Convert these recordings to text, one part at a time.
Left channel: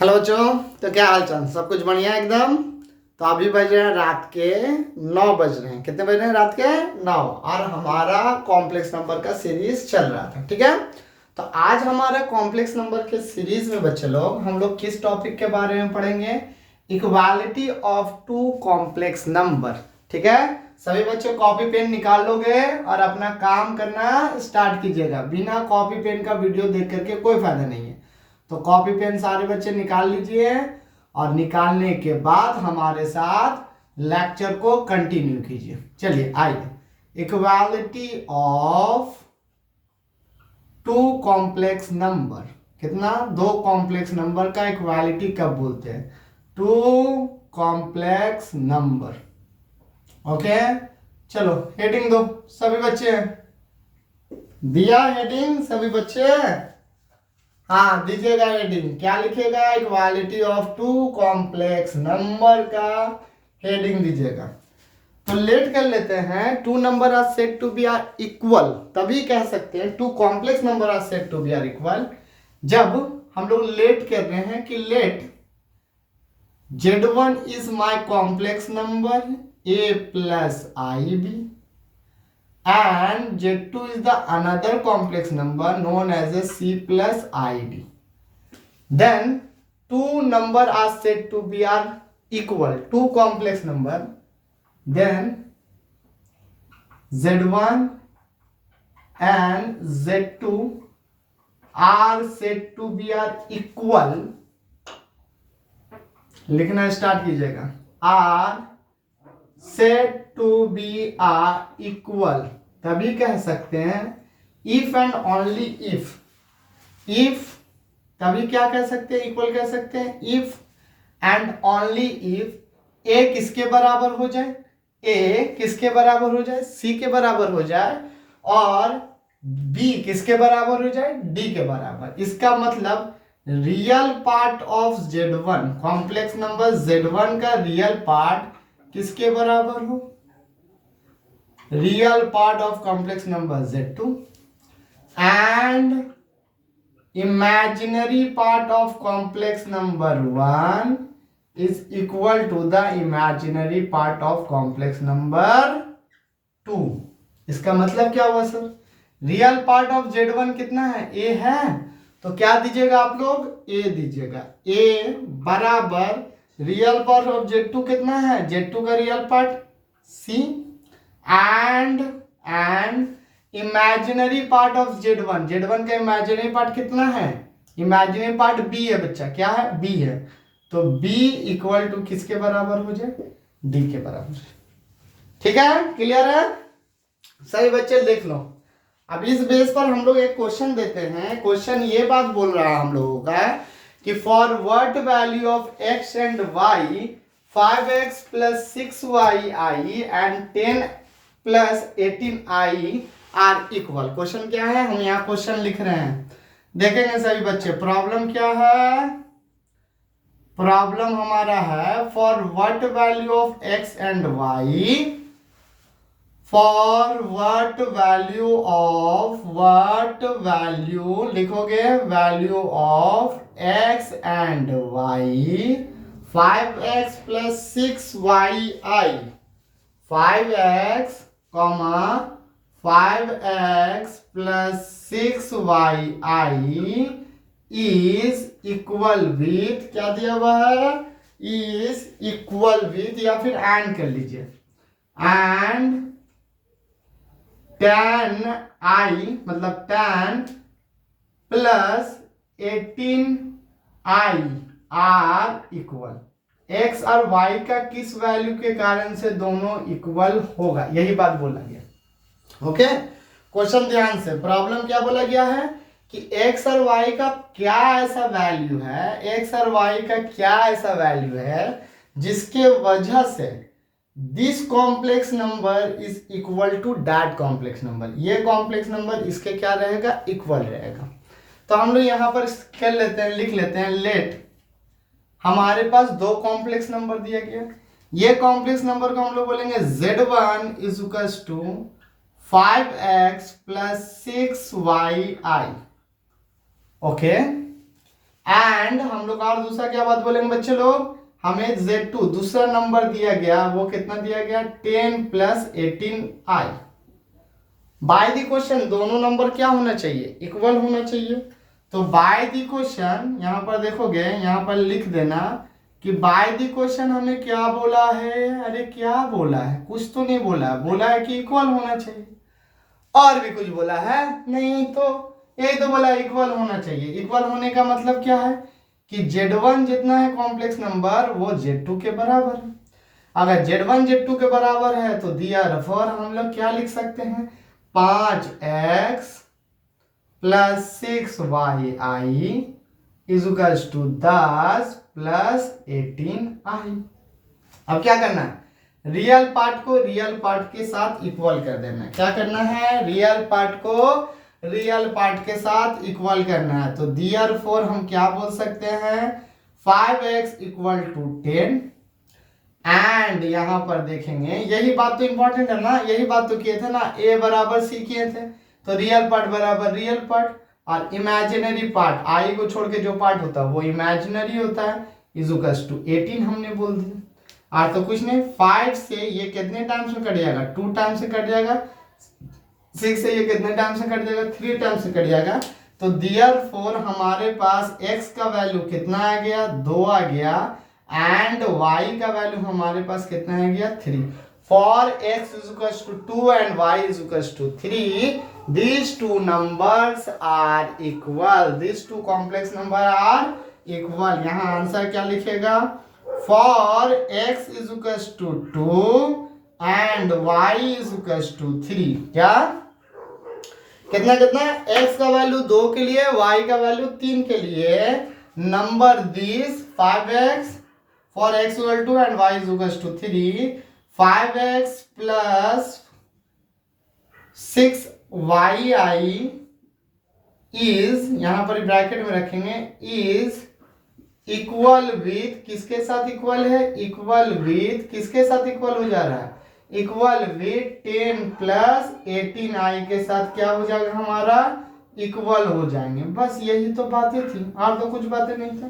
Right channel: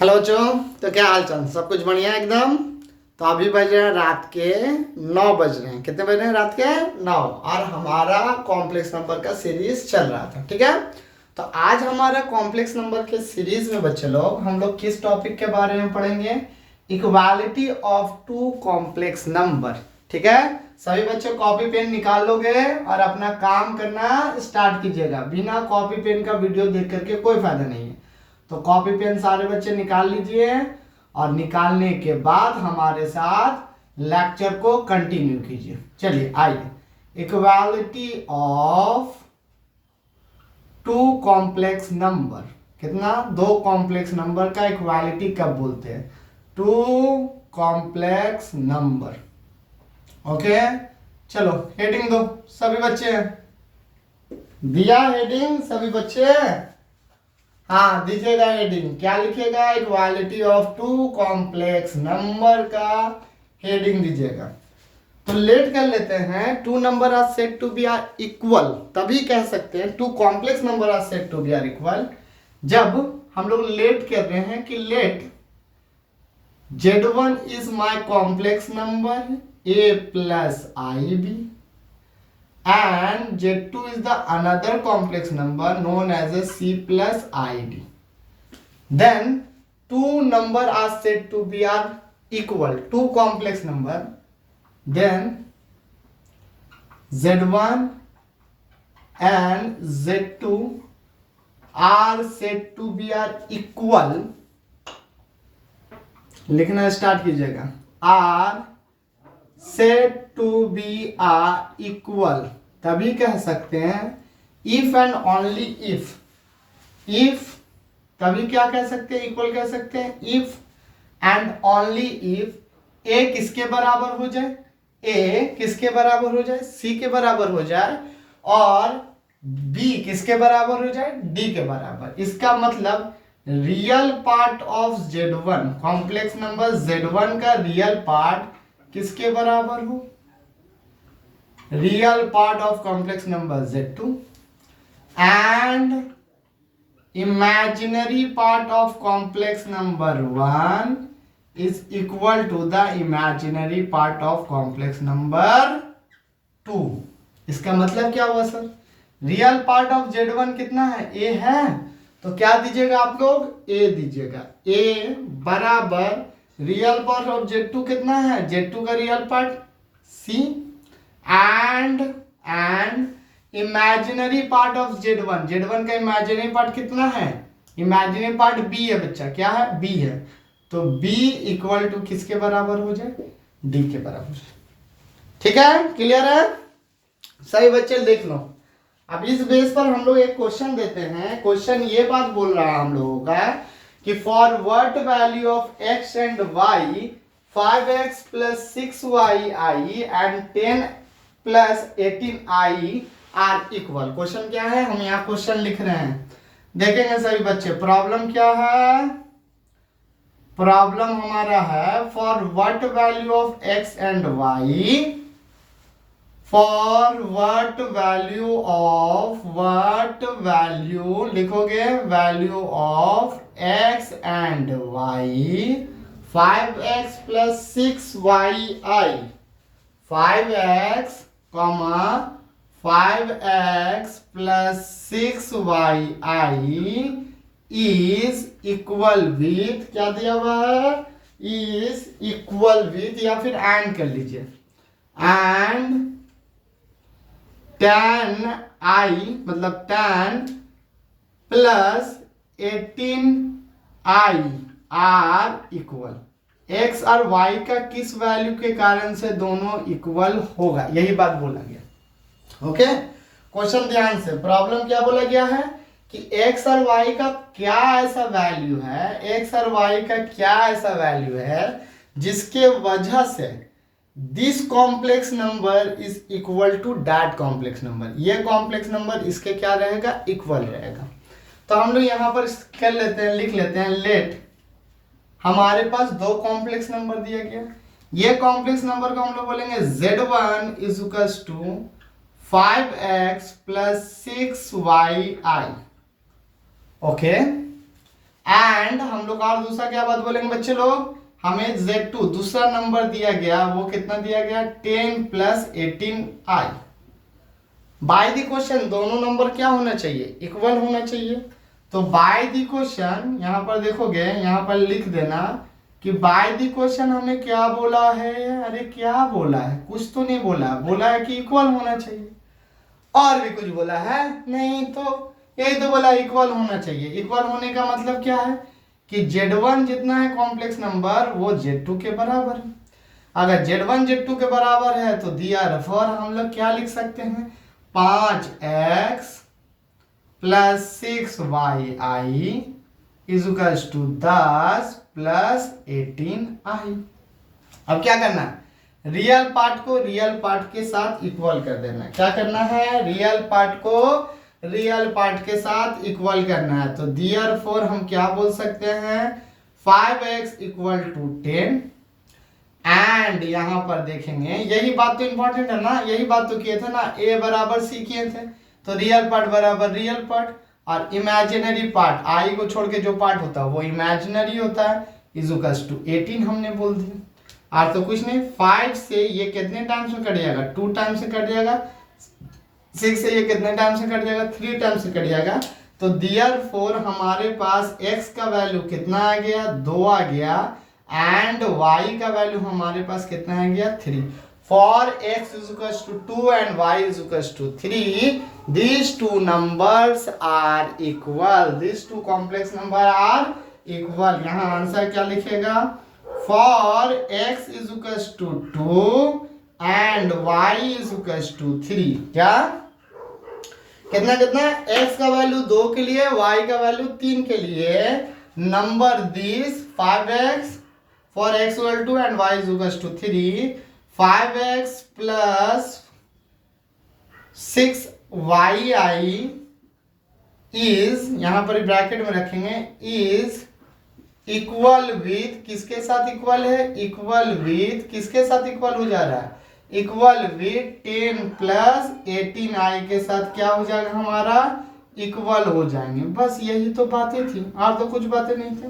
Hello बच्चों। तो क्या हाल चाल, सब कुछ बढ़िया है एकदम। तो अभी बज रहे हैं रात के 9 बज रहे हैं। कितने बज रहे हैं? रात के 9। और हमारा कॉम्प्लेक्स नंबर का सीरीज चल रहा था, ठीक है। तो आज हमारा कॉम्प्लेक्स नंबर के सीरीज में बच्चे लोग हम लोग किस टॉपिक के बारे में पढ़ेंगे? Equality of two complex number, ठीक है। सभी बच्चे कॉपी पेन निकाल लोगे और अपना काम करना स्टार्ट कीजिएगा। बिना कॉपी पेन का वीडियो देख करके कोई फायदा नहीं है। तो कॉपी पेन सारे बच्चे निकाल लीजिए और निकालने के बाद हमारे साथ लेक्चर को कंटिन्यू कीजिए। चलिए आइए। Equality of two complex number, कितना? दो कॉम्प्लेक्स नंबर का इक्वालिटी कब बोलते हैं? Two complex number. ओके, चलो हेडिंग दो सभी बच्चे। दिया हेडिंग सभी बच्चे? हाँ दीजिएगा हेडिंग। क्या लिखिएगा? Equality of two complex number का हेडिंग दीजिएगा। तो लेट कर लेते हैं। Two number are said to be are equal, तभी कह सकते हैं two complex number are said to be are equal जब हम लोग लेट कर रहे हैं कि let Z1 is my complex number a plus ib and Z2 is the another complex number known as a C plus id. Then two number are said to be are equal, two complex number. Then Z1 and Z2 are said to be are equal. लिखना start कीजिएगा। Are said to be are equal तभी कह सकते हैं if and only if. If तभी क्या कह सकते हैं? इक्वल कह सकते हैं if and only if A किसके बराबर हो जाए? ए किसके बराबर हो जाए? सी के बराबर हो जाए और बी किसके बराबर हो जाए? डी के बराबर। इसका मतलब real part of Z1, complex number Z1 का रियल पार्ट किसके बराबर हो? Real part of complex number Z2 and imaginary part of complex number 1 is equal to the imaginary part of complex number 2। इसका मतलब क्या हुआ sir? Real part of Z1 कितना है? A है। तो क्या दीजिएगा आप लोग? A दीजिएगा। A बराबर रियल पार्ट ऑफ Z2 कितना है? Z2 का real part C and imaginary part of Z1, Z1 का इमेजिनरी पार्ट कितना है? इमेजिनरी पार्ट B है बच्चा। क्या है? B है। तो B इक्वल टू किसके बराबर हो जाए? D के बराबर। ठीक है, क्लियर है? सही बच्चे देख लो। अब इस बेस पर हम लोग एक क्वेश्चन देते हैं। क्वेश्चन ये बात बोल रहा है हम लोगों का कि for what value of x and y 5x plus 6yi and 10 plus 18i are equal. क्वेश्चन क्या है? हम यहाँ क्वेश्चन लिख रहे हैं, देखेंगे सभी बच्चे। प्रॉब्लम क्या है? प्रॉब्लम हमारा है for what value of x and y, for what value लिखोगे? Value of x and y 5x plus 6yi, 5x 5x plus 6yi is equal with, क्या दिया हुआ है? is equal with, या फिर एंड कर लीजिए, एंड 10i मतलब 10 plus 18i are equal. x और y का किस वैल्यू के कारण से दोनों इक्वल होगा, यही बात बोला गया। ओके, क्वेश्चन ध्यान से। प्रॉब्लम क्या बोला गया है कि x और y का क्या ऐसा वैल्यू है, x और y का क्या ऐसा वैल्यू है जिसके वजह से this complex number is equal to that complex number. ये कॉम्प्लेक्स नंबर इसके क्या रहेगा? इक्वल रहेगा। तो हम लोग यहाँ पर कर लेते हैं, लिख लेते हैं लेट। हमारे पास दो कॉम्प्लेक्स नंबर दिया गया। ये कॉम्प्लेक्स नंबर को हम लोग बोलेंगे Z1 is equal to 5x plus 6yi। Okay, and हम लोग और दूसरा क्या बात बोलेंगे बच्चे लोग, हमें Z2 दूसरा नंबर दिया गया, वो कितना दिया गया 10 + 18i। बाय द क्वेश्चन दोनों नंबर क्या होना चाहिए, इक्वल होना चाहिए। तो बाय द क्वेश्चन यहां पर देखोगे, यहां पर लिख देना कि बाय द क्वेश्चन हमें क्या बोला है, अरे क्या बोला है, कुछ तो नहीं बोला है, बोला है कि इक्वल होना चाहिए। और भी कुछ बोला है नहीं, तो यही तो बोला इक्वल होना चाहिए। इक्वल होने का मतलब क्या है कि Z1 जितना है कॉम्प्लेक्स नंबर वो Z2 के बराबर है। अगर Z1 Z2 के बराबर है तो therefore हम लोग क्या लिख सकते हैं, 5x + 6yi = 10 + 18i। अब क्या करना है, रियल पार्ट को रियल पार्ट के साथ इक्वल कर देना है। क्या करना है, रियल पार्ट को रियल पार्ट के साथ इक्वल करना है। तो therefore हम क्या बोल सकते हैं, 5x = 10 एंड यहां पर देखेंगे, यही बात तो इंपॉर्टेंट है ना, यही बात तो किए थे ना, a बराबर c किए थे। तो रियल पार्ट बराबर रियल पार्ट और इमेजिनरी पार्ट i को छोड़ के जो पार्ट होता है वो इमेजिनरी होता है, = 18 हमने बोल दिया। और तो कुछ नहीं, 5 से ये कितने टाइम्स में कट जाएगा, 2 टाइम्स से कट जाएगा। 6 से ये कितने टाइम्स से कट जाएगा, 3 टाइम्स से कट जाएगा। तो therefore हमारे पास x का वैल्यू कितना आ गया, 2 आ गया एंड y का वैल्यू हमारे पास कितना आ गया, 3। For x = 2 and y = 3, these two numbers are equal, these two complex number are equal। यहाँ आंसर क्या लिखेगा, फॉर x = 2 एंड y = 3। क्या कितना कितना, x का वैल्यू 2 के लिए, y का वैल्यू 3 के लिए, number this 5x for x = 2 and y = 3, 5x + 6yi is, यहां पर ब्रैकेट में रखेंगे, इज इक्वल विथ, किसके साथ इक्वल है, इक्वल विथ, किसके साथ इक्वल हो जा रहा है, इक्वल विथ 10 + 18i के साथ क्या हो जाएगा हमारा, इक्वल हो जाएंगे। बस यही तो बातें थी, और तो कुछ बातें नहीं थी।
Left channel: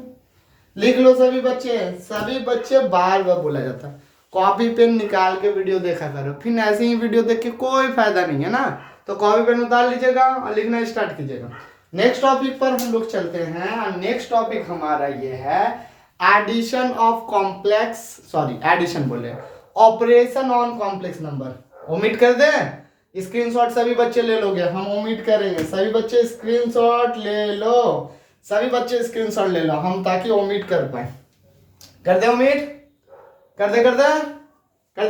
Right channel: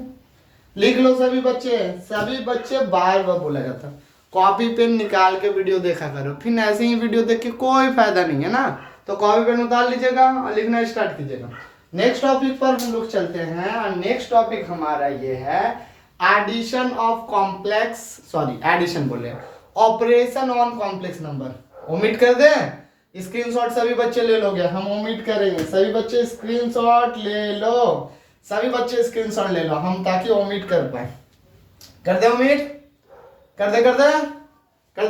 लिख लो सभी बच्चे बार बार बोला जाता, कॉपी पेन निकाल के वीडियो देखा करो, फिर ऐसे ही वीडियो देख के कोई फायदा नहीं है ना। तो कॉपी पेन उतार लीजिएगा और लिखना स्टार्ट कीजिएगा। नेक्स्ट टॉपिक पर हम लोग चलते हैं, और नेक्स्ट टॉपिक हमारा ये है addition of complex, sorry addition बोले, operation on complex number. Omit कर दें, स्क्रीनशॉट सभी बच्चे ले लोगे, हम ओमिट करेंगे, सभी बच्चे स्क्रीनशॉट ले लो, सभी बच्चे स्क्रीनशॉट ले लो हम, ताकि ओमिट कर पाए। कर दे ओमिट, कर दे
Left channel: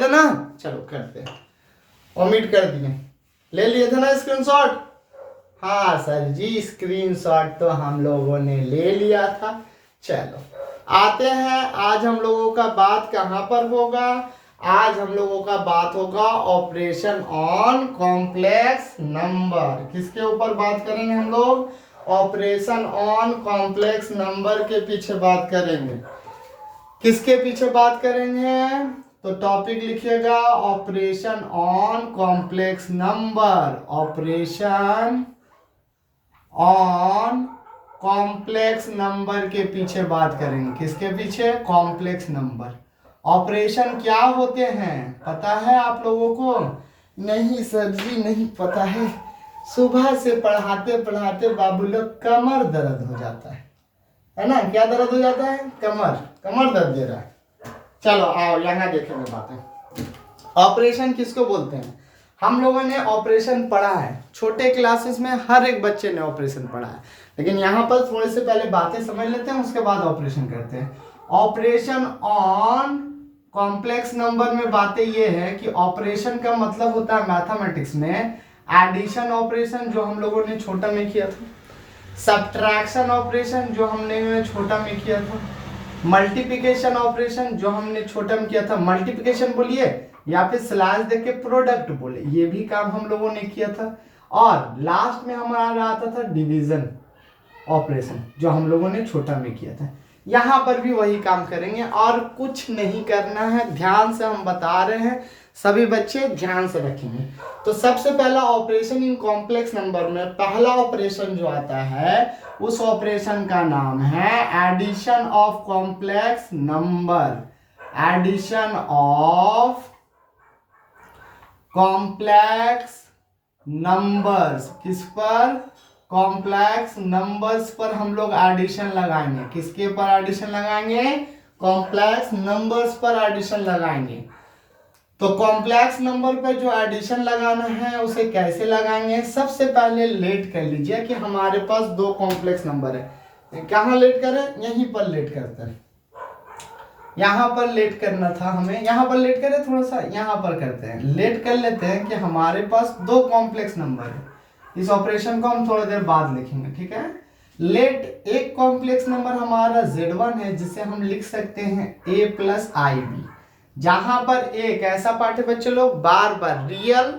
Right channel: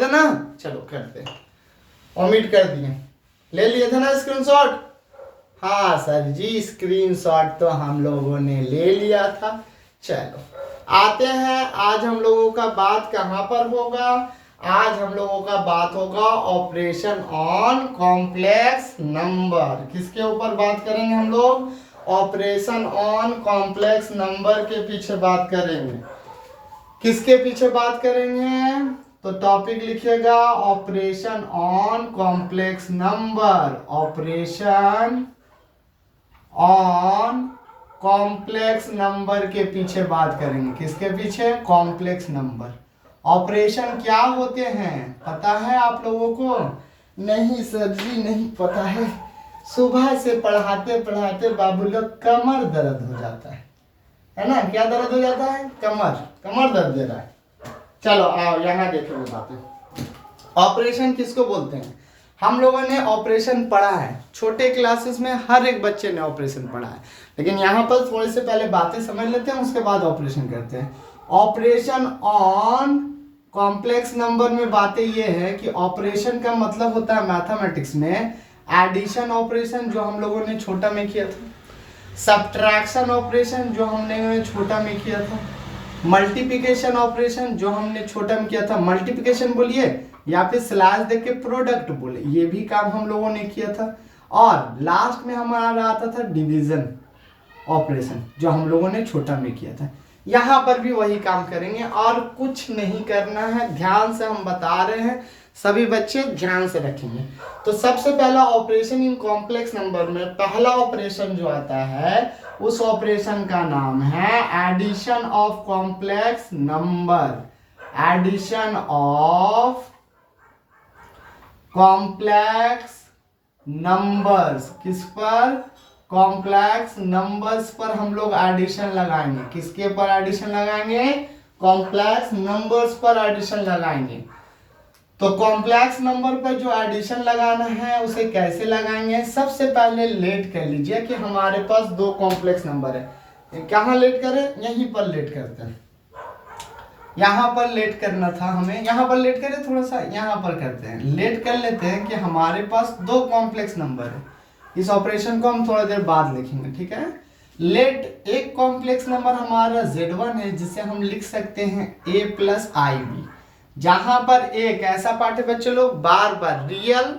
ना, चलो कर दे, ओमिट कर दिए, ले लिए थे ना स्क्रीनशॉट, हाँ सर जी स्क्रीनशॉट तो हम लोगों ने ले लिया था। चलो आते हैं, आज हम लोगों का बात कहाँ पर होगा, आज हम लोगों का बात होगा ऑपरेशन ऑन कॉम्प्लेक्स नंबर। किसके ऊपर बात करेंगे हम लोग, ऑपरेशन ऑन कॉम्प्लेक्स नंबर के पीछे बात करेंगे। किसके पीछे बात करेंगे, तो टॉपिक लिखिएगा operation on complex number, operation on complex number के पीछे बात करेंगे। किसके पीछे, कॉम्प्लेक्स नंबर। ऑपरेशन क्या होते हैं पता है आप लोगों को, नहीं सर जी नहीं पता है, सुबह से पढ़ाते पढ़ाते बाबू लोग कमर दर्द हो जाता है ना, क्या दर्द हो जाता है, कमर दर्द दे रहा है। चलो आओ यहाँ देखेंगे बातें। ऑपरेशन किसको बोलते हैं, हम लोगों ने ऑपरेशन पढ़ा है, छोटे क्लासेस में हर एक बच्चे ने ऑपरेशन पढ़ा है, लेकिन यहाँ पर थोड़े से पहले बातें समझ लेते हैं, उसके बाद ऑपरेशन करते हैं। ऑपरेशन ऑन कॉम्प्लेक्स नंबर में बातें ये है कि ऑपरेशन का मतलब होता है मैथमेटिक्स में एडिशन ऑपरेशन, जो हम लोगों ने छोटा में किया था, सब्ट्रैक्शन ऑपरेशन जो हमने छोटा में किया था, मल्टीप्लिकेशन ऑपरेशन जो हमने छोटा में किया था, मल्टीप्लिकेशन बोलिए या फिर स्लैश देख के प्रोडक्ट बोले, ये भी काम हम लोगों ने किया था। और लास्ट में हमारा आता था डिवीजन ऑपरेशन, जो हम लोगों ने छोटा में किया था। यहाँ पर भी वही काम करेंगे और कुछ नहीं करना है, ध्यान से हम बता रहे हैं, सभी बच्चे ध्यान से रखेंगे। तो सबसे पहला ऑपरेशन इन कॉम्प्लेक्स नंबर में पहला ऑपरेशन जो आता है उस ऑपरेशन का नाम है addition of complex number. Addition of complex numbers, किस पर? कॉम्प्लेक्स नंबर्स पर हम लोग एडिशन लगाएंगे। किसके पर एडिशन लगाएंगे? कॉम्प्लेक्स नंबर्स पर एडिशन लगाएंगे। तो कॉम्प्लेक्स नंबर पर जो एडिशन लगाना है उसे कैसे लगाएंगे? सबसे पहले लेट कर लीजिए कि हमारे पास दो कॉम्प्लेक्स नंबर है। कहाँ लेट करें? यहीं पर लेट करते हैं। यहाँ पर लेट करना था हमें, यहाँ पर लेट करें, थोड़ा सा यहाँ पर करते हैं, लेट कर लेते हैं कि हमारे पास दो कॉम्प्लेक्स नंबर है। इस ऑपरेशन को हम थोड़ा देर बाद लिखेंगे, ठीक है। लेट एक कॉम्प्लेक्स नंबर हमारा Z1 है जिसे हम लिख सकते हैं a प्लस आई बी, जहां पर एक ऐसा पार्ट है बच्चे लोग बार बार रियल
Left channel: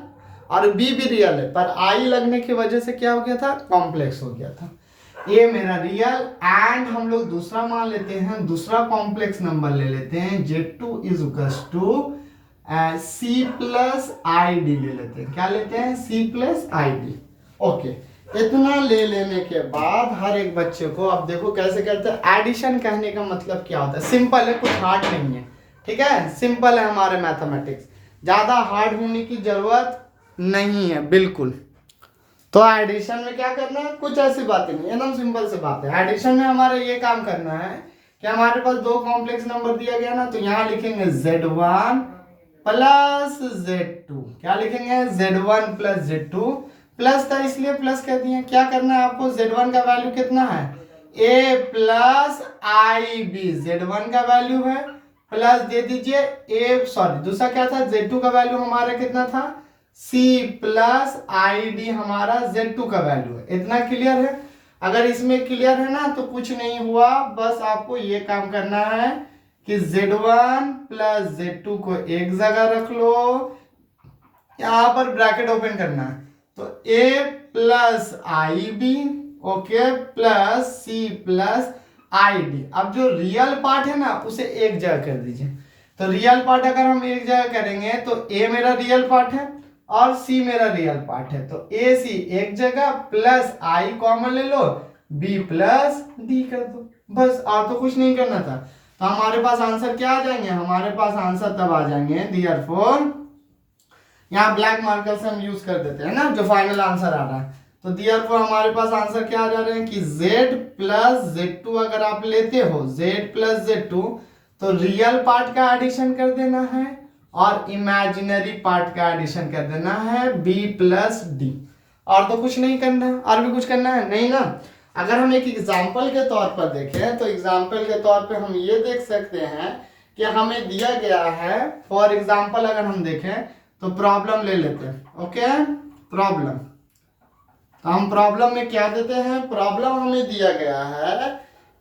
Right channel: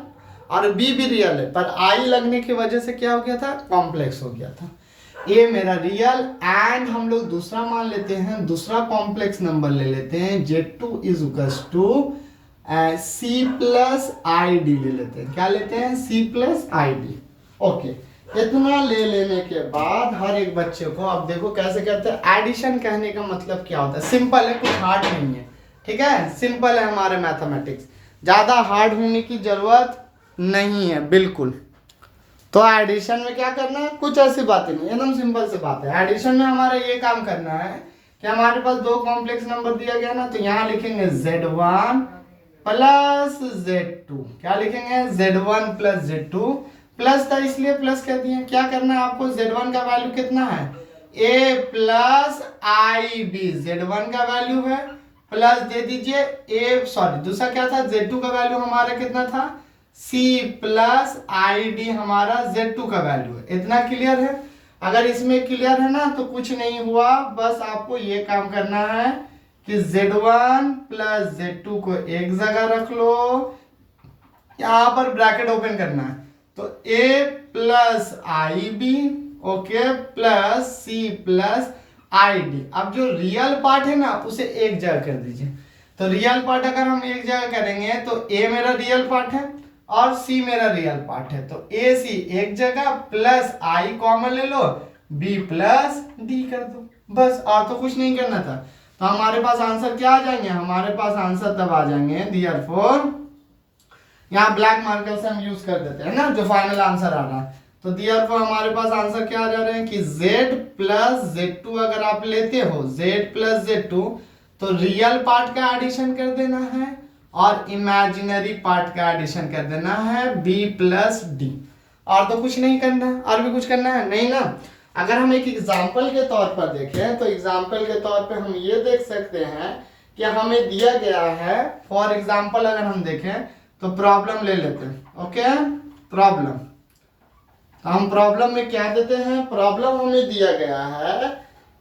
और बी भी रियल है, पर आई लगने की वजह से क्या हो गया था? कॉम्प्लेक्स हो गया था। ए मेरा रियल एंड हम लोग दूसरा मान लेते हैं, दूसरा कॉम्प्लेक्स नंबर ले लेते हैं Z2 is equals to C plus I D ले लेते हैं। क्या लेते हैं? C plus I D. Okay, इतना ले लेने के बाद हर एक बच्चे को अब देखो कैसे करते हैं। एडिशन कहने का मतलब क्या होता है? सिंपल है, कुछ हार्ड नहीं है, ठीक है। सिंपल है हमारे मैथमेटिक्स, ज्यादा हार्ड होने की जरूरत नहीं है बिल्कुल। तो एडिशन में क्या करना है? कुछ ऐसी बातें नहीं, एकदम सिंपल सी बात है। एडिशन में हमारा ये काम करना है कि हमारे पास दो कॉम्प्लेक्स नंबर दिया गया ना, तो यहाँ लिखेंगे Z1 प्लस Z2। क्या लिखेंगे? Z1 plus Z2। प्लस था इसलिए प्लस कह दिए। क्या करना है आपको? Z1 का वैल्यू कितना है? A plus I B, Z1 का वैल्यू है, प्लस दे दीजिए दूसरा क्या था? Z2 का वैल्यू हमारा कितना था? C प्लस आई डी हमारा Z2 का वैल्यू है। इतना क्लियर है? अगर इसमें क्लियर है ना तो कुछ नहीं हुआ, बस आपको ये काम करना है कि Z1 प्लस Z2 को एक जगह रख लो, यहां पर ब्रैकेट ओपन करना है, तो A plus I B, okay, plus C plus I D. अब जो रियल पार्ट है ना उसे एक जगह कर दीजिए। तो रियल पार्ट अगर हम एक जगह करेंगे तो A मेरा रियल पार्ट है और C मेरा रियल पार्ट है, तो A C एक जगह, प्लस I कॉमन ले लो, B प्लस D कर दो, बस। और तो कुछ नहीं करना था। तो हमारे पास आंसर क्या आ जाएंगे? हमारे पास आंसर तब आ जाएंगे देयरफॉर, यहाँ ब्लैक मार्कर से हम यूज कर देते हैं ना जो फाइनल आंसर आ रहा है। तो देयरफॉर हमारे पास आंसर क्या आ जा रहे हैं कि Z प्लस Z2 अगर आप लेते हो, Z प्लस Z2, तो रियल पार्ट का एडिशन कर देना है और इमेजिनरी पार्ट का एडिशन कर देना है B प्लस D। और तो कुछ नहीं करना, और भी कुछ करना है नहीं ना। अगर हम एक एग्जाम्पल के तौर पर देखें तो एग्जाम्पल के तौर पर हम ये देख सकते हैं कि हमें दिया गया है, फॉर एग्जाम्पल अगर हम देखें तो प्रॉब्लम ले लेते हैं, ओके। प्रॉब्लम, तो हम प्रॉब्लम में क्या देते हैं? प्रॉब्लम हमें दिया गया है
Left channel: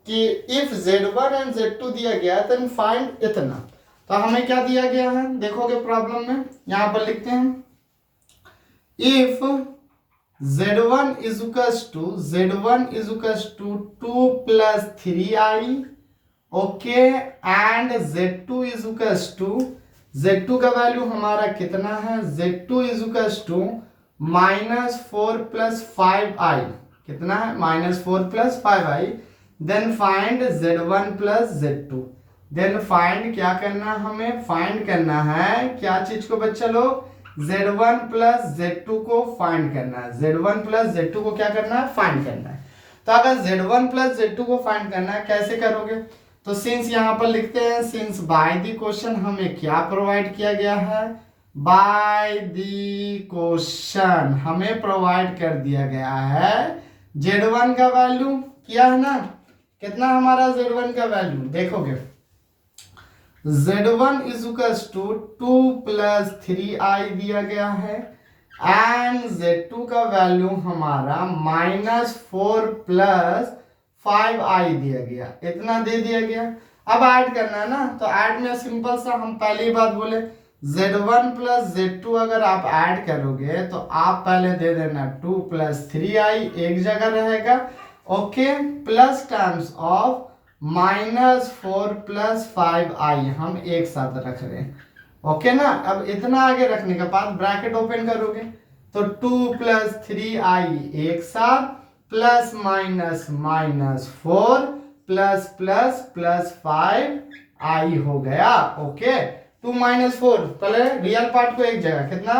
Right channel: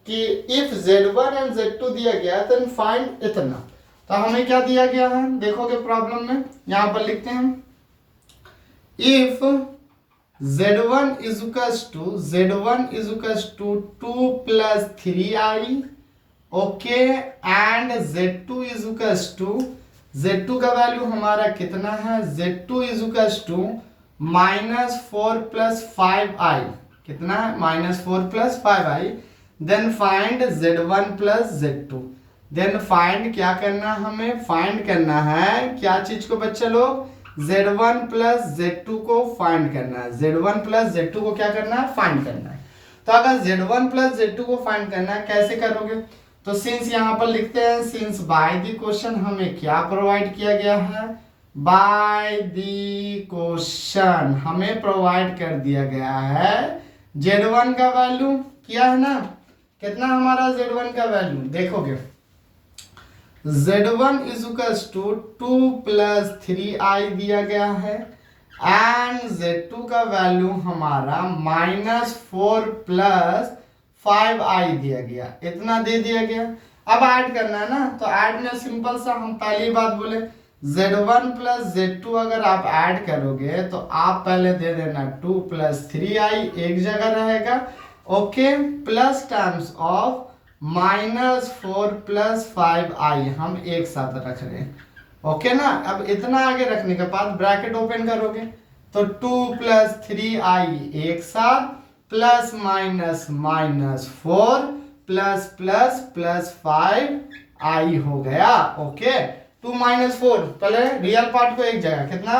कि इफ Z1 एंड Z2 दिया गया देन फाइंड इतना। तो हमें क्या दिया गया है देखोगे प्रॉब्लम में, यहां पर लिखते हैं if Z1 is equals to 2 प्लस 3i, okay, and Z2 is equals to, Z2 का वैल्यू हमारा कितना है? Z2 is equals to -4 plus 5i, कितना है? -4 plus 5i। Then find Z1 plus Z2। Then find क्या करना हमें? फाइंड करना है क्या चीज को बच्चे लोग? Z1 प्लस Z2 को फाइंड करना है। Z1 प्लस Z2 को क्या करना है? फाइंड करना है। तो अगर Z1 प्लस Z2 को फाइंड करना है, कैसे करोगे? तो सिंस यहां पर लिखते हैं, सिंस बाय द क्वेश्चन हमें क्या प्रोवाइड किया गया है? बाय द क्वेश्चन हमें प्रोवाइड कर दिया गया है Z1 का वैल्यू क्या है ना, कितना हमारा Z1 का वैल्यू देखोगे, Z1 इज इक्वल्स टू 2 प्लस 3i दिया गया है एंड Z2 का वैल्यू हमारा -4 प्लस 5i दिया गया, इतना दे दिया गया। अब ऐड करना है ना, तो ऐड में सिंपल सा हम पहली बात बोले Z1 प्लस Z2 अगर आप ऐड करोगे तो आप पहले दे देना 2 प्लस 3i एक जगह रहेगा, okay, plus terms of -4 plus 5i हम एक साथ रख रहे हैं, ओके ना। अब इतना आगे रखने के बाद ब्रैकेट ओपन करोगे तो 2 प्लस 3i एक साथ plus minus minus 4 plus plus plus 5 आई हो गया। ओके, 2 माइनस 4, पहले रियल पार्ट को एक जगह, कितना,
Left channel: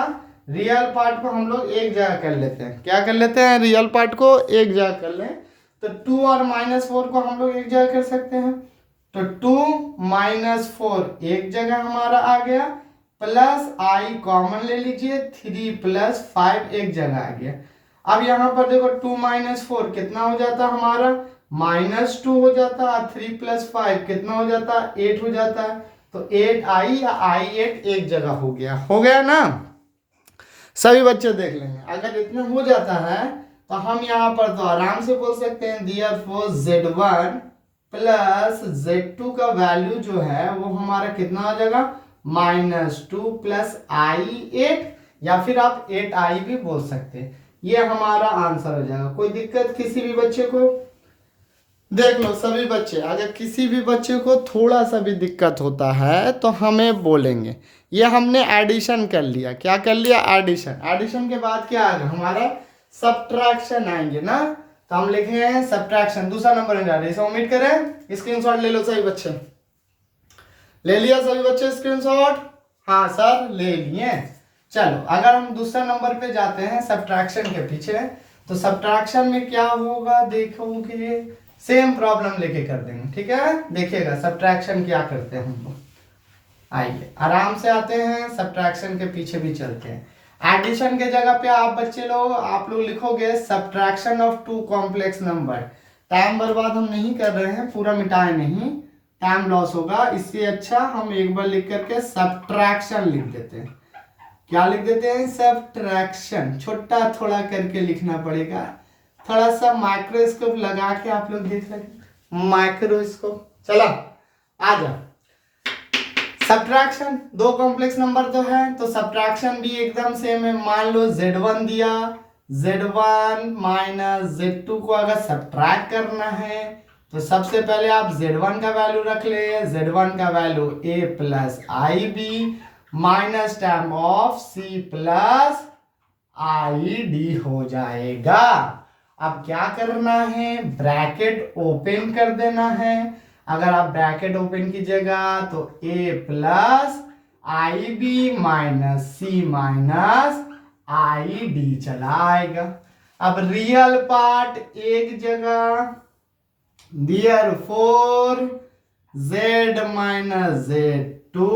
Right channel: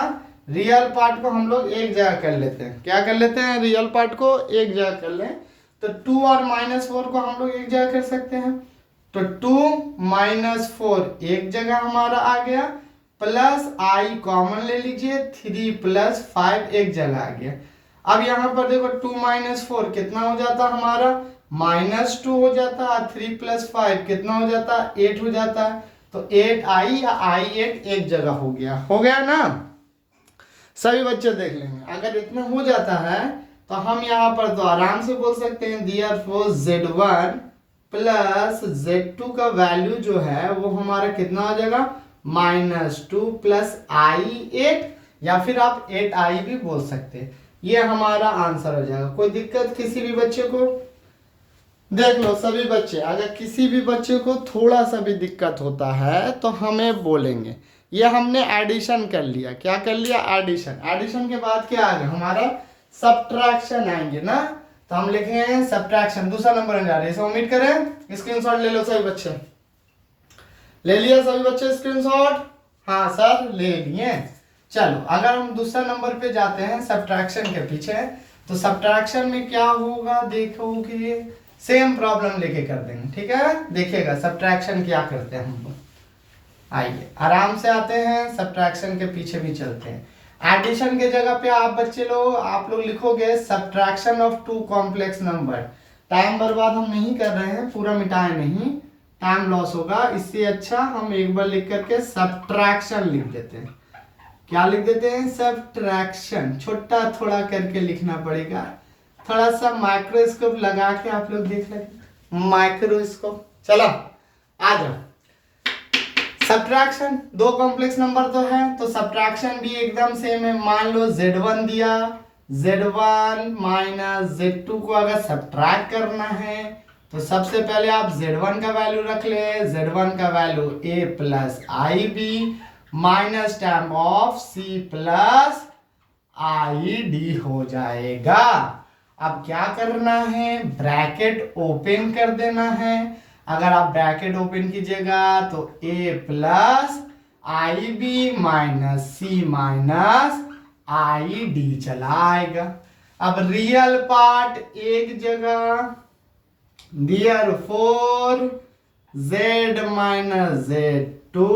रियल पार्ट को हम लोग एक जगह कर लेते हैं। क्या कर लेते हैं, रियल पार्ट को एक जगह कर लें, तो 2 और माइनस 4 को हम लोग एक जगह कर सकते हैं। तो 2 माइनस 4 एक जगह हमारा आ गया, प्लस आई कॉमन ले लीजिए, 3 प्लस 5 एक जगह आ गया। अब यहाँ पर देखो 2 माइनस 4 कितना हो जाता हमारा, -2 हो जाता है, 3 प्लस 5 कितना हो जाता, 8 हो जाता है। तो 8 आई या आई 8 एक जगह हो गया ना। सभी बच्चे देख लेंगे, अगर इतना हो जाता है तो हम यहाँ पर तो आराम से बोल सकते हैं therefore z1 प्लस z2 का वैल्यू जो है वो हमारा कितना हो जाएगा, -2 प्लस i8, या फिर आप 8i भी बोल सकते हैं। ये हमारा आंसर हो जाएगा। कोई दिक्कत किसी भी बच्चे को, देख लो सभी बच्चे, अगर किसी भी बच्चे को थोड़ा सा भी दिक्कत होता है तो हमें बोलेंगे। ये हमने एडिशन कर लिया, क्या कर लिया, एडिशन। एडिशन के बाद क्या आएगा हमारा, सब्ट्रैक्शन आएंगे ना, तो हम लिखेंगे सब्ट्रैक्शन। दूसरा नंबर में जा रहे हैं, ओमिट करें, स्क्रीनशॉट ले लो सभी बच्चे। ले लिया सभी बच्चे स्क्रीनशॉट, हाँ सर ले लिए। चलो अगर हम दूसरा नंबर पे जाते हैं सब्ट्रैक्शन के पीछे, तो सब्ट्रैक्शन में क्या होगा देखोगे, सेम प्रॉब्लम लेके कर देंगे, ठीक है। देखिएगा सब्ट्रैक्शन क्या करते हैं हम लोग, आइए आराम से आते हैं, सब्ट्रैक्शन के पीछे भी चलते हैं। एडिशन के जगह पे आप बच्चे लोग आप लोग लिखोगे subtraction of 2 complex number. Time बर्बाद हम नहीं कर रहे हैं, पूरा मिटाए नहीं, टाइम लॉस होगा, इससे अच्छा हम एक बार लिख करके सब्ट्रैक्शन लिख देते हैं। क्या लिख देते हैं, सब्ट्रैक्शन। छोटा थोड़ा करके लिखना पड़ेगा, थोड़ा सा माइक्रोस्कोप लगा के आप लोग देख रहे, माइक्रोस्कोप। चलो आ जाओ, सब्ट्रैक्शन 2 कॉम्प्लेक्स नंबर तो है, तो सब्ट्रैक्शन भी एकदम सेम है। मान लो z1 दिया, z1 माइनस z2 को अगर सब्ट्रैक्ट करना है तो सबसे पहले आप z1 का वैल्यू रख ले, z1 का value a plus I B minus term of c plus I D हो जाएगा। अब क्या करना है, ब्रैकेट ओपन कर देना है। अगर आप ब्रैकेट ओपन कीजिएगा तो a plus I B minus c minus i d चला आएगा। अब रियल पार्ट एक जगह, therefore z माइनस z2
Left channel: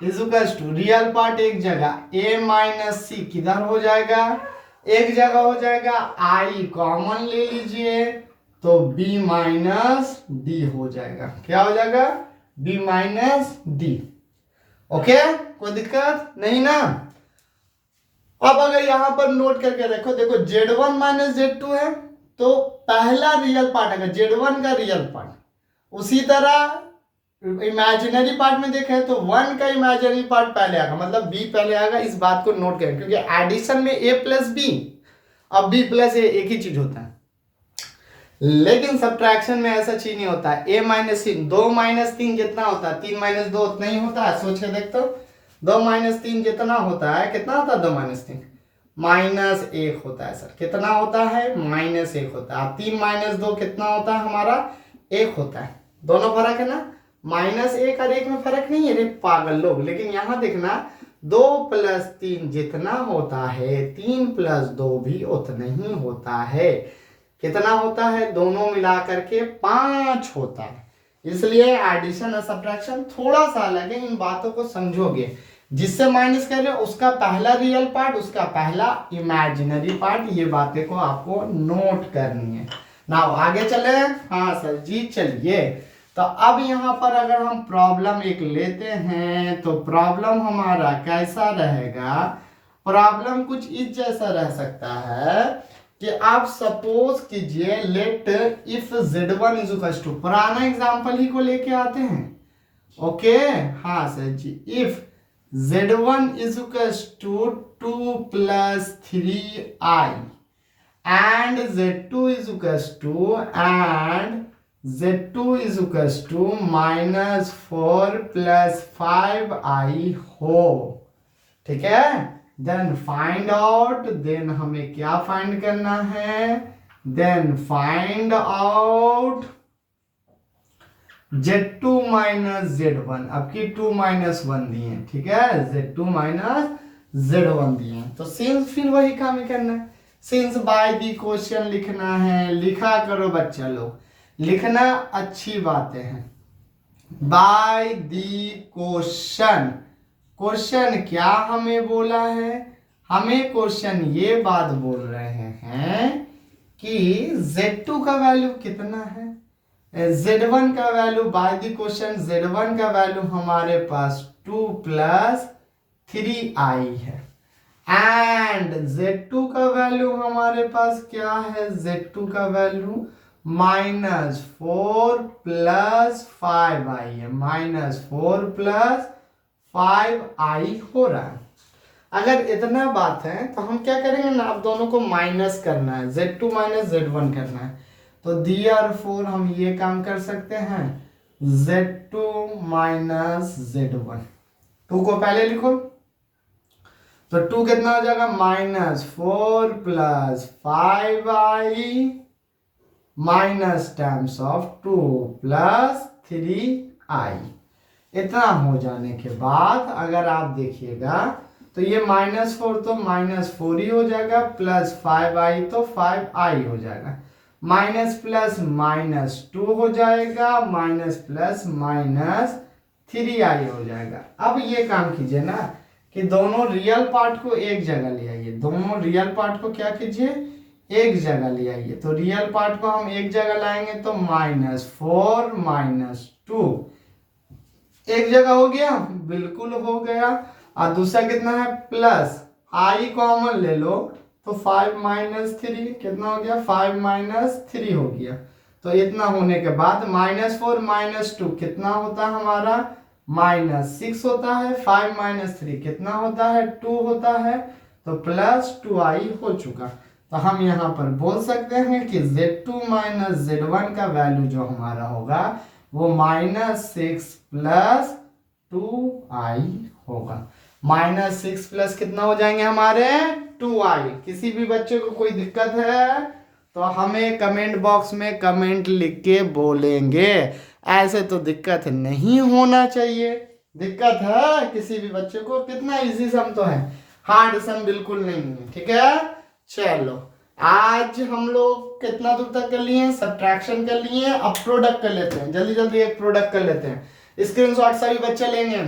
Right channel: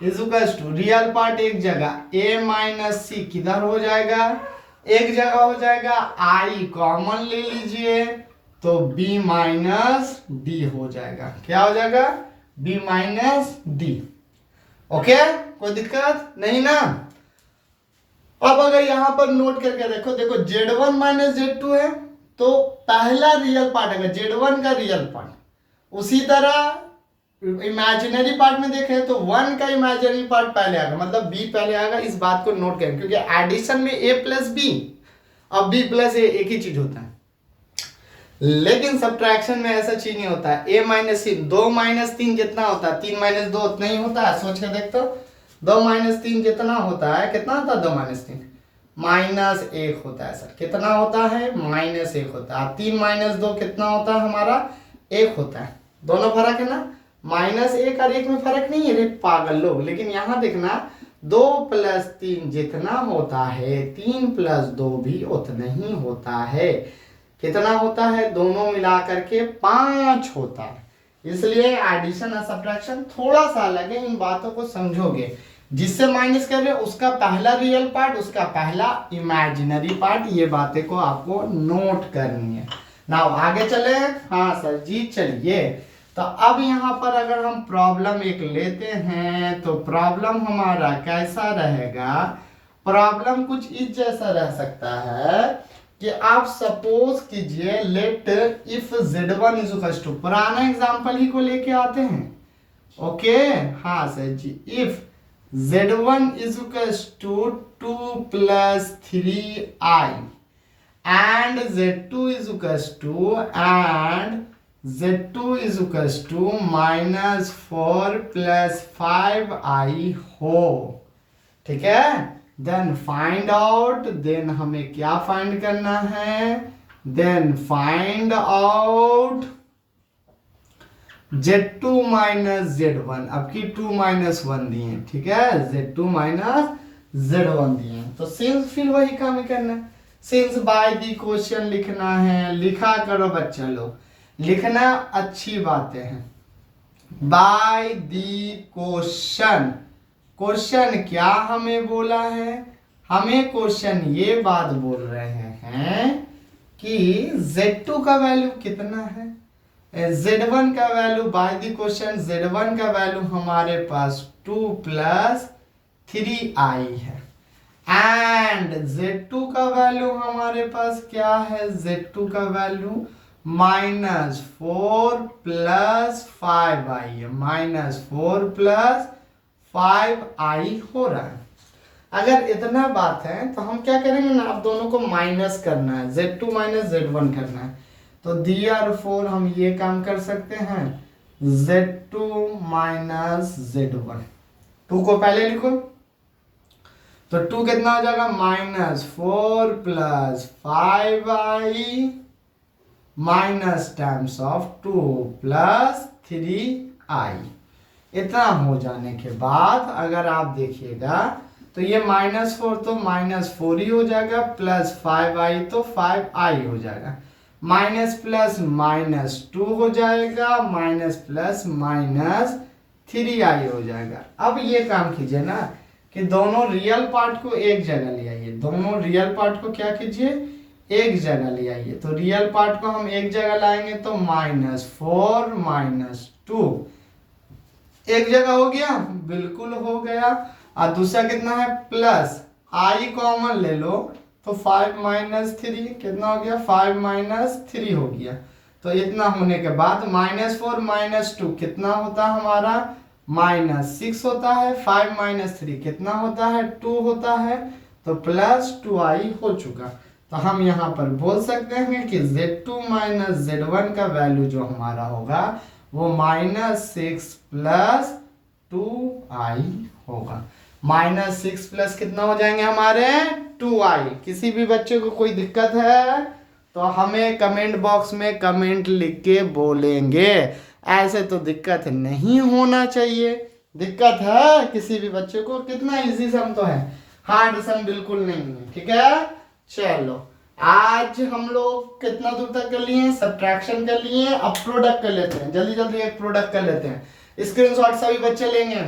is equals to, real part एक जगह, a माइनस सी किधर हो जाएगा, एक जगह हो जाएगा, i कॉमन ले लीजिए तो b माइनस डी हो जाएगा। क्या हो जाएगा, b माइनस डी। ओके, कोई दिक्कत नहीं ना। अब अगर यहां पर नोट करके देखो, देखो z1 माइनस z2 है, तो पहला रियल पार्ट अगर z1 का रियल पार्ट, उसी तरह इमेजिनरी पार्ट में देखें तो 1 का इमेजिनरी पार्ट पहले आएगा, मतलब b पहले आएगा। इस बात को नोट करें, क्योंकि एडिशन में a प्लस बी, अब b प्लस a एक ही चीज होता है, लेकिन सब्ट्रैक्शन में ऐसा चीज नहीं होता है। a माइनस 3, 2 माइनस 3 कितना होता है, 3 माइनस 2 उतना ही होता है। सोच के देख तो, 2 माइनस 3 कितना होता है, कितना होता है 2 माइनस 3, -1 होता है सर। कितना होता है, -1 होता है। 3 माइनस 2 कितना होता है हमारा, 1 होता है। दोनों फर्क है ना, -1 और 1 में फर्क नहीं है रे पागल लोग। लेकिन यहाँ देखना, 2 प्लस 3 जितना होता है, 3 प्लस 2 भी उतना ही होता है। कितना होता है, दोनों मिला करके 5 होता है। इसलिए एडिशन और सब्ट्रैक्शन थोड़ा सा अलग है, इन बातों को समझोगे। जिससे माइनस कर रहे हो उसका पहला रियल पार्ट, उसका पहला इमेजिनरी पार्ट, ये बातें को आपको नोट करनी है ना। आगे चले, हाँ सर जी चलिए। तो अब यहाँ पर अगर हम प्रॉब्लम एक लेते हैं तो प्रॉब्लम हमारा कैसा रहेगा, प्रॉब्लम कुछ इस जैसा रह सकता है कि आप सपोज कीजिए, let if z1 is equal to, पुराना एग्जांपल ही को लेके आते हैं। ओके, हाँ sir ji, if z1 is equals to 2 plus 3i and z2 is equals to -4 plus 5i हो, ठीक है। देन फाइंड आउट, देन हमें क्या फाइंड करना है, then find out Z2 minus Z1। अब की 2 माइनस 1 दिए, ठीक है, Z2 माइनस Z1 दिए, तो सिंस फिर वही काम ही करना है, सिंस बाय दी क्वेश्चन लिखना है, लिखा करो बच्चा लोग, लिखना अच्छी बातें हैं। बाय दी क्वेश्चन, क्वेश्चन क्या हमें बोला है, हमें क्वेश्चन ये बात बोल रहे हैं कि Z2 का वैल्यू कितना है, Z1 का value by the question Z1 का वैल्यू हमारे पास 2 प्लस 3i है, एंड Z2 का वैल्यू हमारे पास क्या है, Z2 का वैल्यू -4 प्लस 5i है, -4 प्लस 5i हो रहा है। अगर इतना बात है तो हम क्या करेंगे ना, अब दोनों को माइनस करना है, Z2 माइनस Z1 करना है, तो therefore हम ये काम कर सकते हैं, Z2 माइनस Z1, 2 को पहले लिखो, तो 2 कितना हो जाएगा, -4 plus 5i minus times of 2 प्लस 3i। इतना हो जाने के बाद अगर आप देखिएगा तो ये -4 तो -4 ही हो जाएगा, प्लस 5i तो 5i हो जाएगा, माइनस प्लस -2 हो जाएगा, माइनस प्लस -3i हो जाएगा। अब ये काम कीजिए ना कि दोनों रियल पार्ट को एक जगह ले आइए, दोनों रियल पार्ट को क्या कीजिए, एक जगह ले आइए, तो रियल पार्ट को हम एक जगह लाएंगे तो -4 -2 एक जगह हो गया, बिल्कुल हो गया, और दूसरा कितना है, प्लस i कॉमन ले लो तो 5 -3 कितना हो गया, 5 -3 हो गया, तो इतना होने के बाद -4 -2 कितना होता है हमारा, -6 होता है, 5 -3 कितना होता है, 2 होता है, तो प्लस 2i हो चुका। तो हम यहाँ पर बोल सकते हैं कि Z2 माइनस Z1 का वैल्यू जो हमारा होगा वो -6 प्लस 2i होगा, -6 प्लस कितना हो जाएंगे हमारे 2i। किसी भी बच्चे को कोई दिक्कत है तो हमें कमेंट बॉक्स में कमेंट लिख के बोलेंगे, ऐसे तो दिक्कत नहीं होना चाहिए। दिक्कत है किसी भी बच्चे को, कितना इजी सम तो है, हार्ड सम बिल्कुल नहीं है, ठीक है। चलो आज हम लोग कितना दूर तक कर लिए, सब्ट्रैक्शन कर लिए, अब प्रोडक्ट कर लेते हैं, जल्दी जल्दी एक प्रोडक्ट कर लेते हैं। स्क्रीनशॉट सभी बच्चे लेंगे,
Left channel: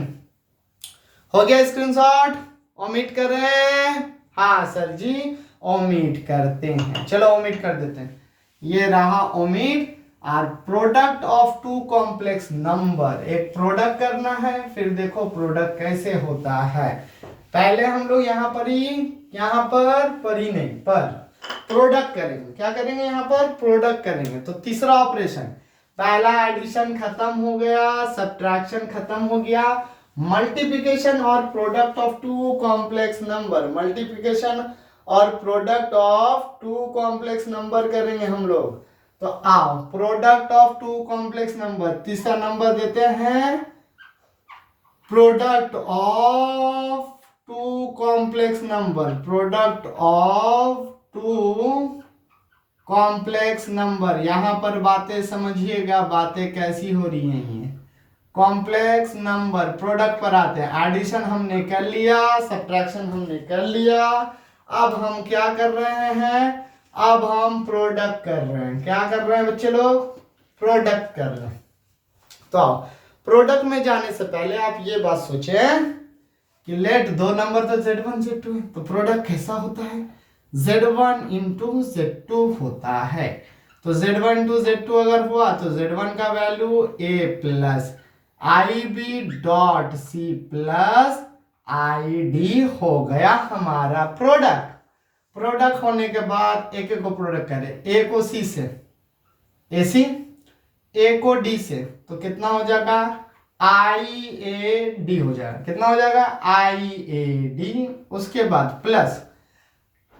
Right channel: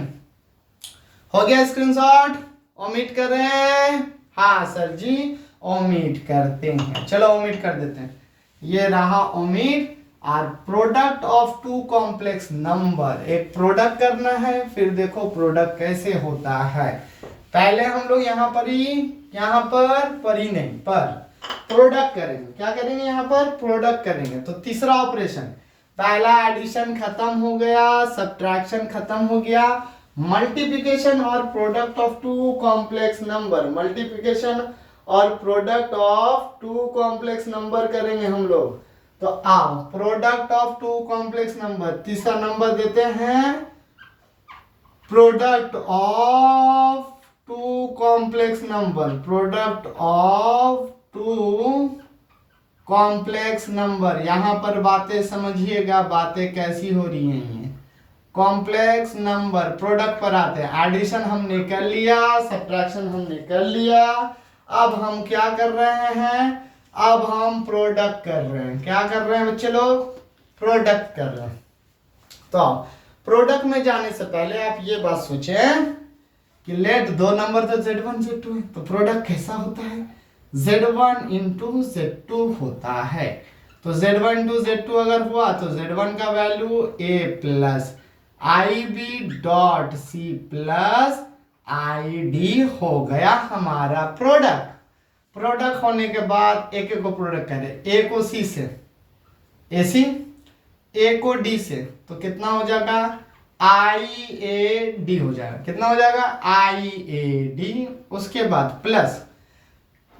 हो गया स्क्रीनशॉट, ओमिट कर रहे हैं, हाँ सर जी ओमिट करते हैं, चलो ओमिट कर देते हैं, ये रहा ओमिट। और product of two complex number, एक प्रोडक्ट करना है, फिर देखो प्रोडक्ट कैसे होता है। पहले हम लोग यहाँ पर ही नहीं पर प्रोडक्ट करेंगे, क्या करेंगे यहाँ पर प्रोडक्ट करेंगे। तो तीसरा ऑपरेशन, पहला एडिशन खत्म हो गया, सब्ट्रैक्शन खत्म हो गया, मल्टीप्लिकेशन और product of two complex number, multiplication और product of two complex number करेंगे हम लोग। तो आओ product of two complex number, तीसरा नंबर देते हैं product of two complex number, product of two complex number. यहां पर बातें समझिएगा, बातें कैसी हो रही हैं, कॉम्प्लेक्स नंबर प्रोडक्ट पर आते हैं। एडिशन हमने कर लिया, सब्ट्रैक्शन हमने कर लिया, अब हम क्या कर रहे हैं, अब हम प्रोडक्ट कर रहे हैं। क्या कर रहे हैं बच्चे लोग, प्रोडक्ट कर रहे हैं। तो प्रोडक्ट में जाने से पहले आप ये बात सोचें कि लेट दो नंबर तो Z1 Z2 है, तो प्रोडक्ट कैसा होता है, Z1 इंटू Z2 होता है। तो Z1 इंटू Z2 अगर हुआ तो Z1 का value a plus IB dot C plus ID हो गया हमारा प्रोडक्ट। प्रोडक्ट होने के बाद एक एक को प्रोडक्ट करें, A को C से AC, A को D से, तो कितना हो जाएगा IAD हो जाएगा, कितना हो जाएगा IAD। उसके बाद प्लस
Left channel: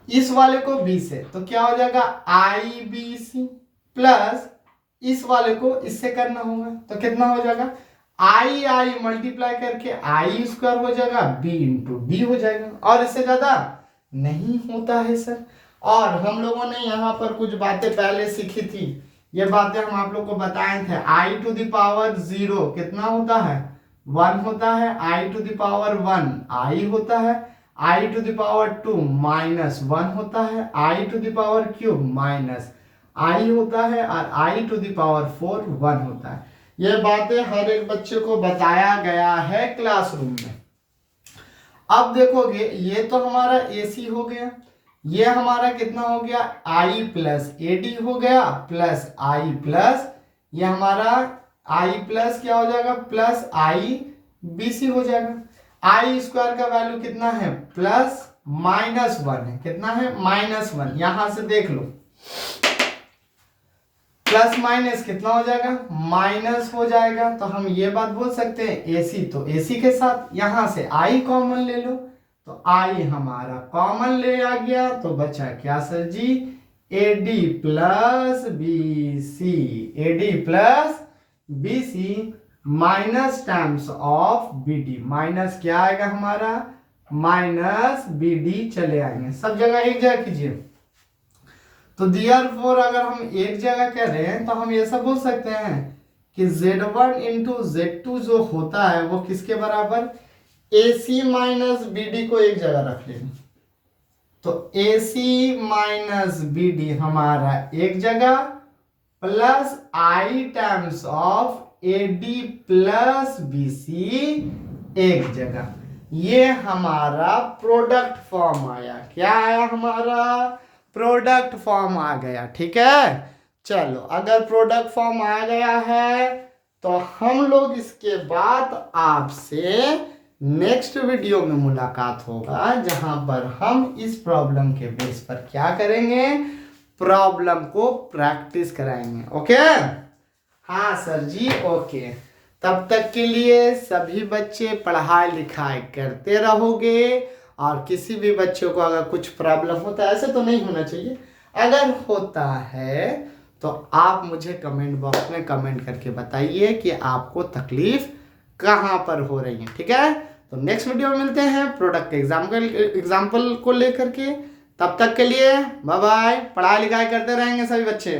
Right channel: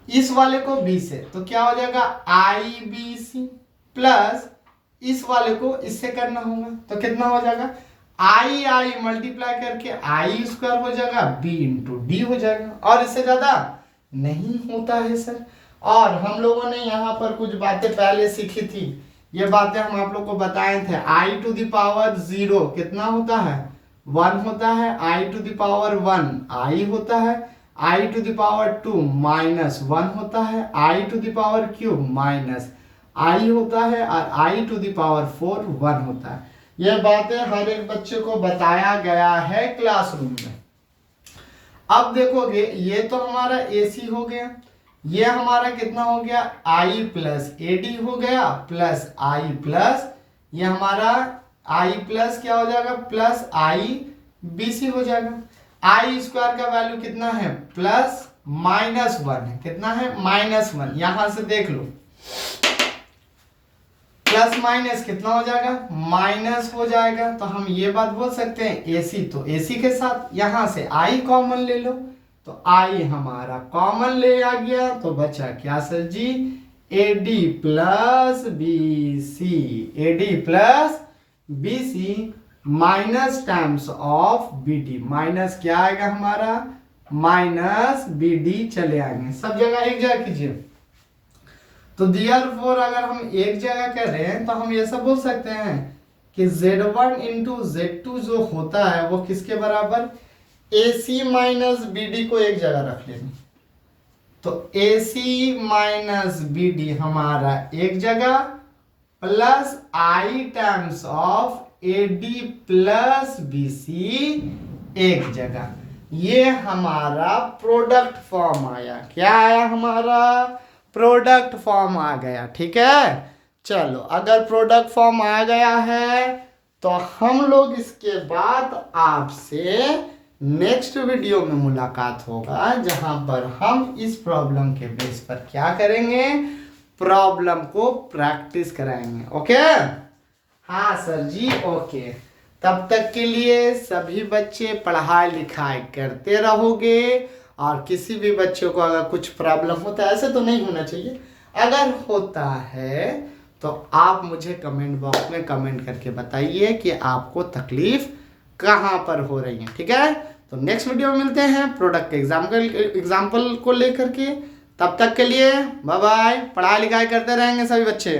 इस वाले को B से, तो क्या हो जाएगा IBC, प्लस इस वाले को इससे करना होगा, तो कितना हो जाएगा I मल्टीप्लाई करके I स्क्वायर हो जाएगा, B इंटू D हो जाएगा। और इससे ज्यादा नहीं होता है सर। और हम लोगों ने यहाँ पर कुछ बातें पहले सीखी थी, ये बातें हम आप लोग को बताए थे। i टू द पावर 0 कितना होता है, 1 होता है। i to the power 1 i होता है। i टू द पावर 2 -1 होता है। i to the power cube -i होता है। और i टू द पावर 4 1 होता है। ये बातें हर एक बच्चे को बताया गया है क्लासरूम में। अब देखोगे ये तो हमारा AC हो गया, ये हमारा कितना हो गया, I प्लस AD हो गया प्लस I प्लस ये हमारा I प्लस क्या हो जाएगा, प्लस I BC हो जाएगा। I स्क्वायर का वैल्यू कितना है, प्लस -1 है, कितना है, -1। यहां से देख लो, प्लस माइनस कितना हो जाएगा, माइनस हो जाएगा। तो हम ये बात बोल सकते हैं AC, तो AC के साथ यहां से I कॉमन ले लो, तो I हमारा कॉमन ले आ गया, तो बचा क्या sir ji, AD plus BC, AD plus BC minus times of BD, minus क्या आएगा हमारा, माइनस BD चले आएंगे, सब जगह एक जगह कीजिए। तो therefore अगर हम एक जगह कर रहे हैं तो हम ये सब बोल सकते हैं कि Z1 इंटू Z2 जो होता है वो किसके बराबर, AC माइनस BD को एक जगह रख लेंगे, तो AC माइनस BD हमारा एक जगह plus I times of AD plus BC एक जगह। ये हमारा प्रोडक्ट फॉर्म आया, क्या आया हमारा, प्रोडक्ट फॉर्म आ गया। ठीक है, चलो अगर प्रोडक्ट फॉर्म आ गया है तो हम लोग इसके बाद आपसे नेक्स्ट वीडियो में मुलाकात होगा, जहां पर हम इस प्रॉब्लम के बेस पर क्या करेंगे, प्रॉब्लम को प्रैक्टिस कराएंगे। ओके, हाँ सर जी, ओके। तब तक के लिए सभी बच्चे पढ़ाई लिखाई करते रहोगे, और किसी भी बच्चे को अगर कुछ प्रॉब्लम होता है, ऐसे तो नहीं होना चाहिए, अगर होता है तो आप मुझे कमेंट बॉक्स में कमेंट करके बताइए कि आपको तकलीफ कहाँ पर हो रही है। ठीक है, तो नेक्स्ट वीडियो में मिलते हैं प्रोडक्ट एग्जाम्पल को लेकर के। तब तक के लिए बाय बाय, पढ़ाई लिखाई करते रहेंगे सभी बच्चे।